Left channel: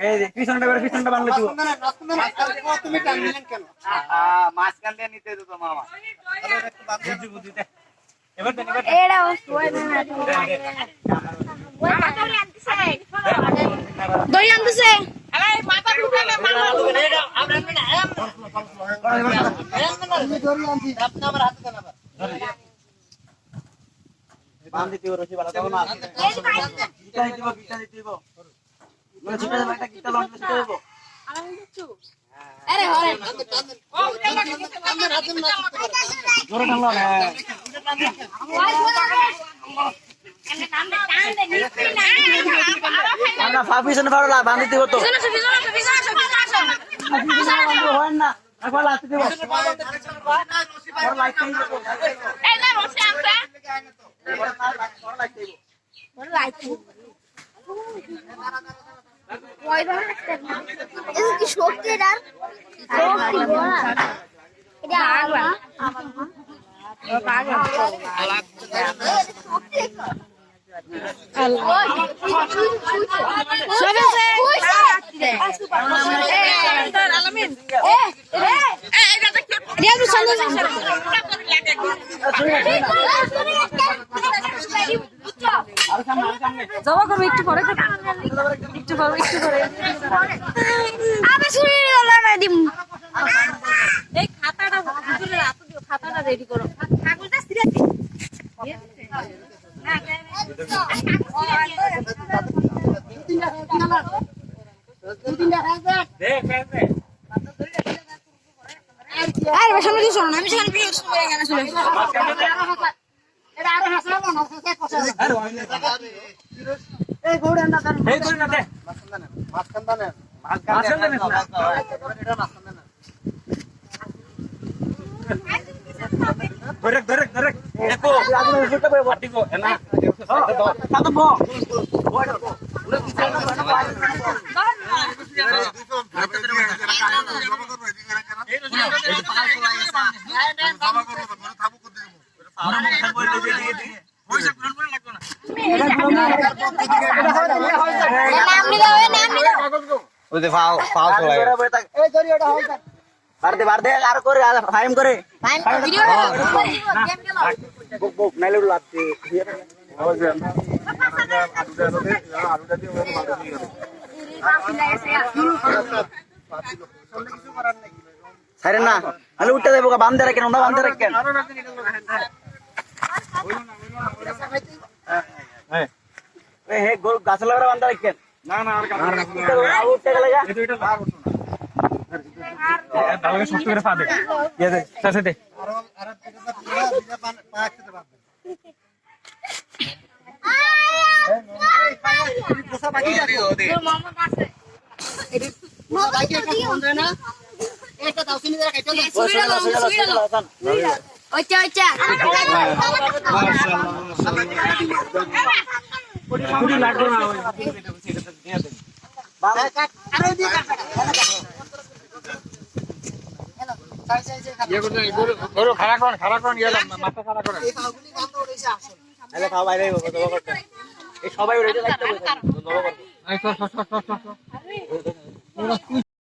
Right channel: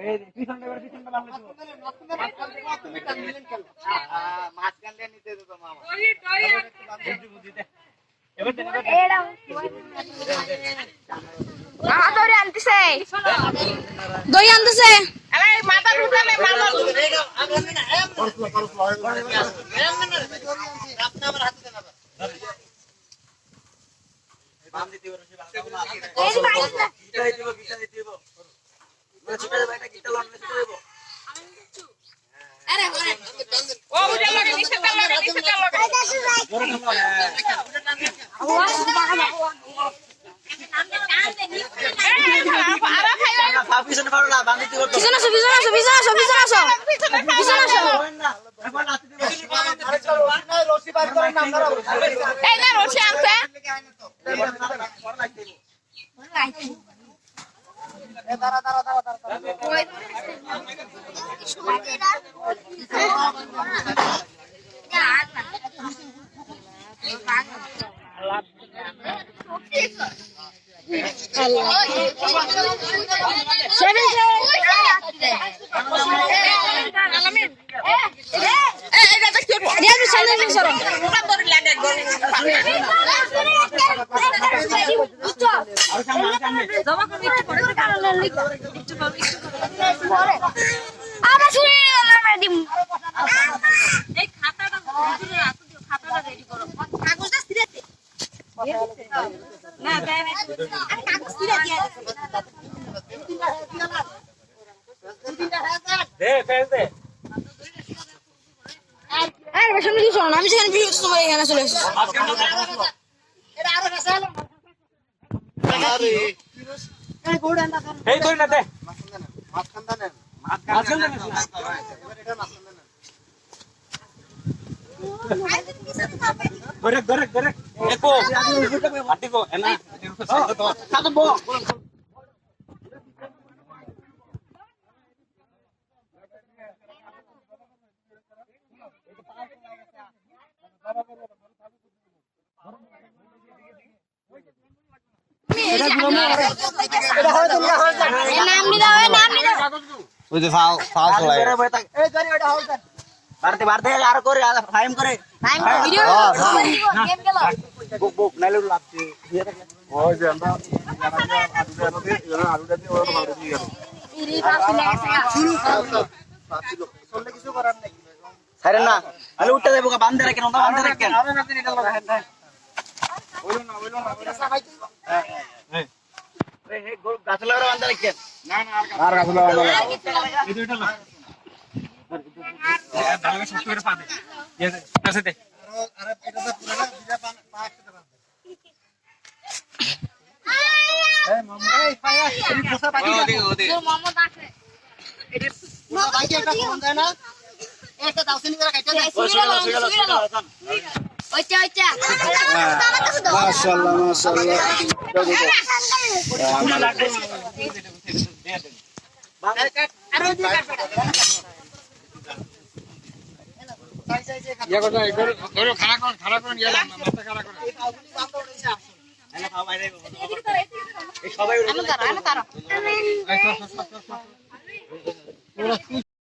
এই যে পিছনটা বানলে দিব তুমি টান দিলেন কেন মাঝখান দিয়ে নিতে দিত মামা বুদ্ধি দে এবার এড়া ওই না দড়ি আনতেছে আরে মাথা ঢুকে না মাথা আপনার হাতে দেন আবার বান্ধি দিব রশি বালা তখন না গিটা দিব মানে ছিটা একটা গিটা লন্ডে ছিটা দেব আরে হরে জোরে টানলো না আমরা পিছনে পারলা বান্ধি দিব তো পিছনে হয় না একবার লাতে দিব রশি বাইর করে না আমরা এই না রশি আনতে বড় লাইট দাঁড়া ওই ধরে আসতে এই কি শক্তি না এটা আগা জমা করবো একটু পরে একটু করে আমার ছুরি দিম এই খাতাটা রেডি করো কাগজটা ছিঁড়ে দিই না দে ফেল দে আরে সামনে দিছো না আমি সেখানে ভিডিও তোমার এখানে চলে এসেছি এটা আরো হাসালো না কষা আরে আরে এই গোড়ে না দেন এই তুই না দে মাঝখান দেন মাঝখান দেন না এটা মাঝখান দেন গরেক দেখো আগে উল্টা পাবে বাটি কো না সাতো বো নাম নি দাও ওই যে ফাল চলাই এই জরি ওটা হল দেন বারদে আর করে ফাইম করে টাইম ভিডিও গেম খেলো বুক নাইলে লাগছে ওই যে কিছু করার নাই সারে না তাহলে উঠতে দেবো বান্ধে রাখেন ওটা বান্ধে রাখেন আরো রাতে নিকাল হ্যাঁ হইলো না এই হে গাছ লাগার বান্ধে রাখেন না আর উঠতে গেলে এই দুইটা লাগ ভালো শক্ত করে পা দে দে কাছে দে আরে এটা তো পুরো দিনা পা একসাথে বাঁধবে এই মামা এই পায়া এই পোষা বাকি দেখো তোর মোহাম্মদ আছে এটা পোষা বাকি একটা ফোন দেয় না একটা দাও চিনি করে কাটতে দেয় সুইরা লো ওইটা মাশাআল্লাহ পুরো লাগবে না বাবা কাট আরে দিয়ে কাট গরু খাড়া করেন গেলাম মাথা খাড়া করেন এই পাগুলি বাঁধা উঠেছে আসল আরে খাও বাইরে এই সবাই উড়ে যাচ্ছে